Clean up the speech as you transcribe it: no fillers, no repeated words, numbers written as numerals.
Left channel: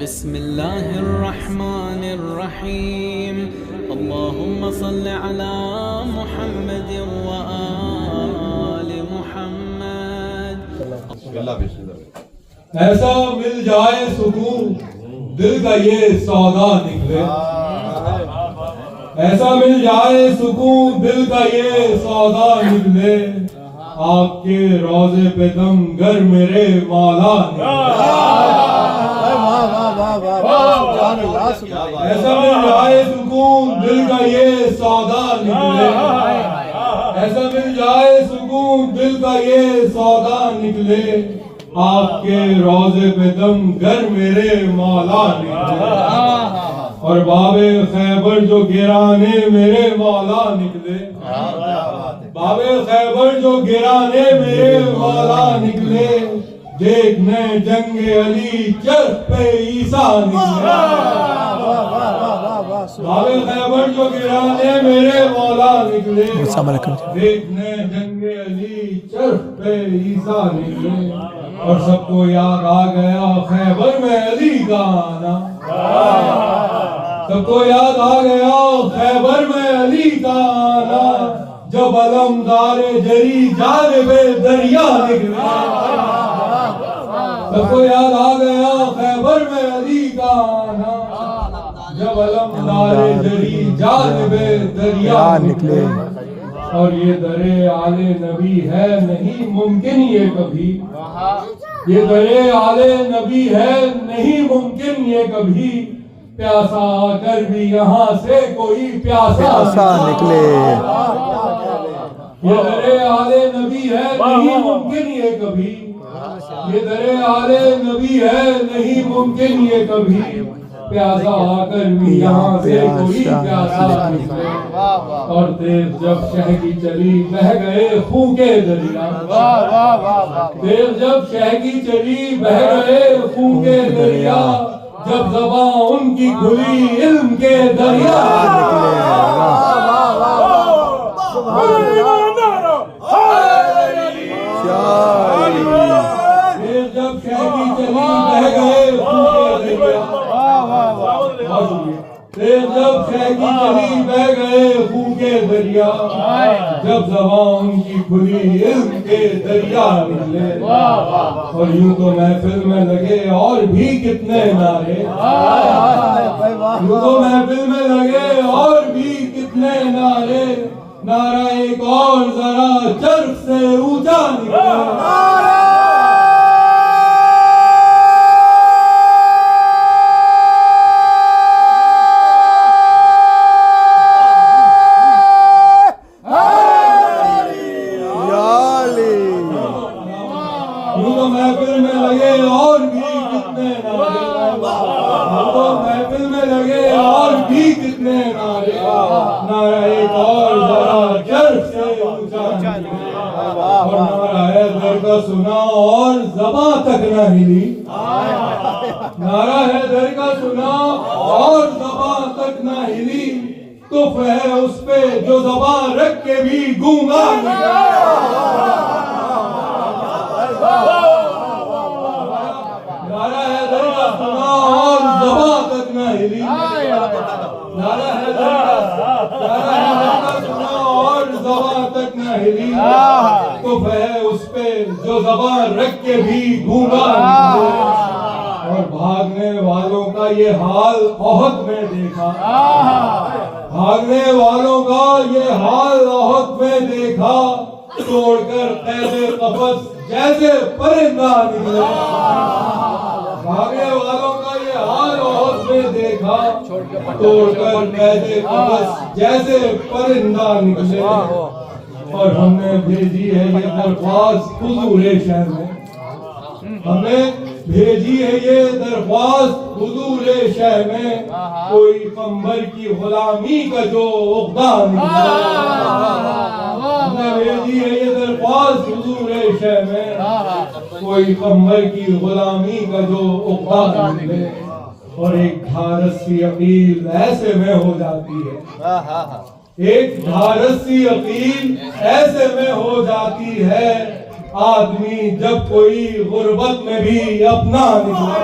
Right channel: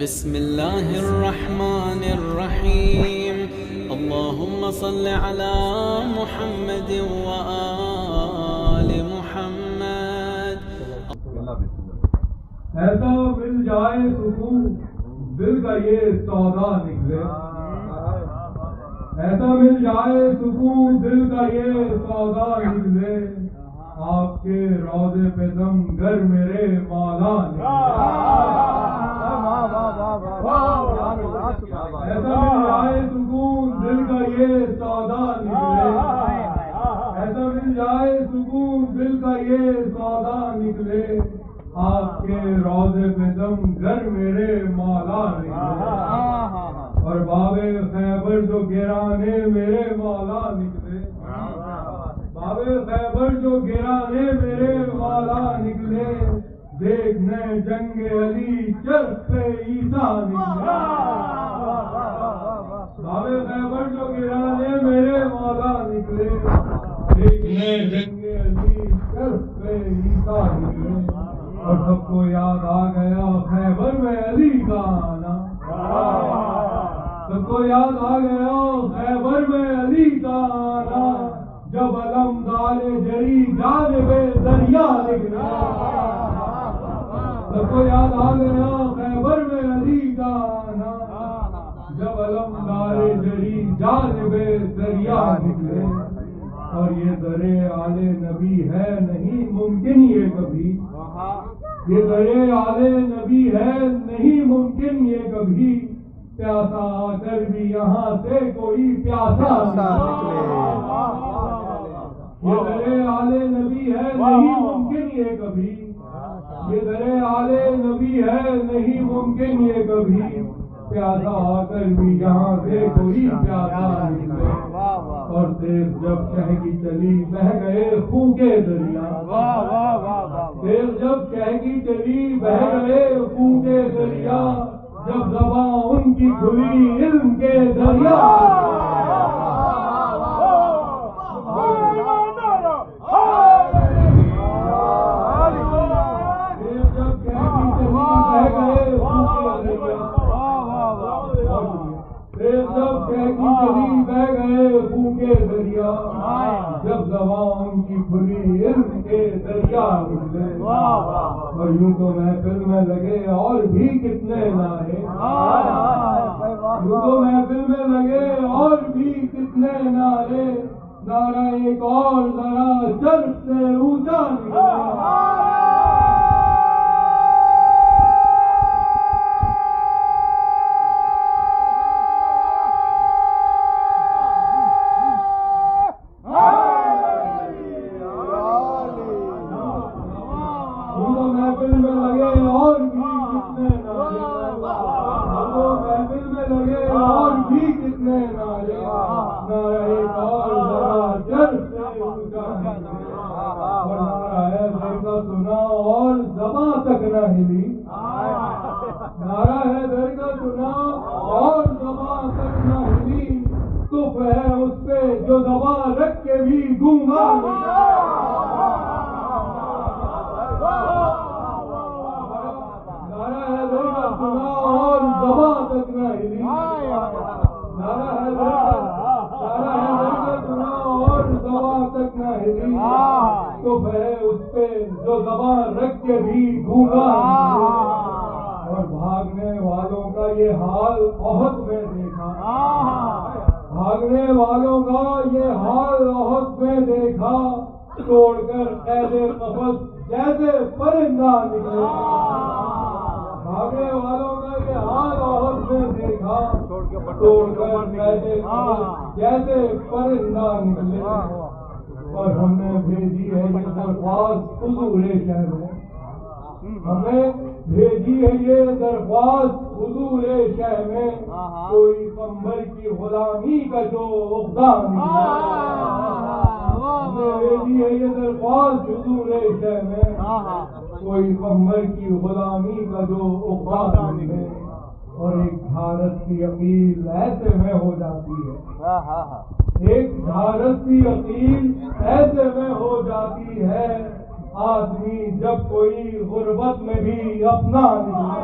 बिस्मिल्लाहिर्रहमानिर्रहीम अल्लाहुम्मा सल्लि अला मुहम्मद व आलि मुहम्मद। ऐसा मिल जाए सुकून दिल का ये सौदा निकले, ऐसा मिल जाए सुकून दिल का ये सौदा निकले, आपके रोजे पे दम गर मेरे मौला निकले। ऐसा मिल जाए सुकून दिल का ये सौदा निकले, ऐसा मिल जाए सुकून दिल का ये सौदा निकले, आपके रोजे पे दम गर मेरे मौला निकले। और बाबे खैबर जो गिराने मेरे मौला निकले, बाबे खैबर जो गिराने मेरे मौला निकले, देखने जंगे अली चर पे ईसा निकले। बाबे खैबर जो गिराने मेरे मौला निकले, देखने जंगे अली चर पे ईसा निकले। और सबको याद आ गया खैबर में अली का आना, सबको याद आ गया खैबर में अली का आना, जब अलमदारे जरी जालिबे दरिया निकले। सबको याद आ गया खैबर में अली का आना, जब अलमदारे जरी जालिबे दरिया निकले। और ये दरे आले नबी है नहीं मुमकिन ये कभी, ये दरे आले नबी है नहीं मुमकिन ये कभी, प्यासा आकर भी यहाँ से कोई प्यासा निकले। ये दरे आले नबी है नहीं मुमकिन ये कभी, ये दरे आले नबी है नहीं मुमकिन ये कभी, प्यासा आकर भी यहाँ से कोई प्यासा निकले। और देव जब शह की चली बह गए खून के दरिया, देव जब शह की चली बह गए खून के दरिया, जब ज़बां उनकी खुली इल्म के दरिया देव जब शह की चली बह गए खून के दरिया, देव जब शह की चली बह गए खून के दरिया, जब ज़बां उनकी खुली इल्म के दरिया निकले। और यूं तो महफिल में लगे और भी कितने नारे, यूं तो महफिल में लगे और भी कितने नारे, नारा एक और जरा चर्ख से ऊंचा निकले। महफिल में लगे और भी कितने नारे, तो महफिल में लगे और भी कितने नारे, नारा एक और जरा चर्ख से ऊंचा निकले। और नारा है दर का सुना और ज़बां तक न हिली, नारा है दर का सुना और ज़बां तक न हिली, तुफ है उस पे जो ज़बां रख के भी गूंगा निकला। नारा है दर का सुना और ज़बां तक न हिली, नारा है दर का सुना और ज़बां तक न हिली, तो है उस पे जो ज़बां रख के भी गूंगा निकले। और भागने वालों का ये हाल ओहद में देखा, भागने वालों का ये हाल ओहद में देखा, तोड़कर कैदे कफस जैसे परिंदा निकले। भागने वालों का ये हाल ओहद में देखा, तोड़कर कैदे कफस जैसे परिंदा निकले। और हमने भेजी है ये दरख्वास्त हुजूरे शहर में, हमने भेजी है ये दरख्वास्त हुजूरे शहर में, कोई कंबर की गुलामी का जो उक़दा निकले। हमने भेजी है ये दरख्वास्त हुजूरे शहर में, कोई कंबर की गुलामी का जो उक़दा निकले। और एक ढारस सी अपील ऐसे में हो जाती है, एक ढारस सी अपील ऐसे में हो जाती है, आदमी जब कोई गुर्बत में भी अपना निकले।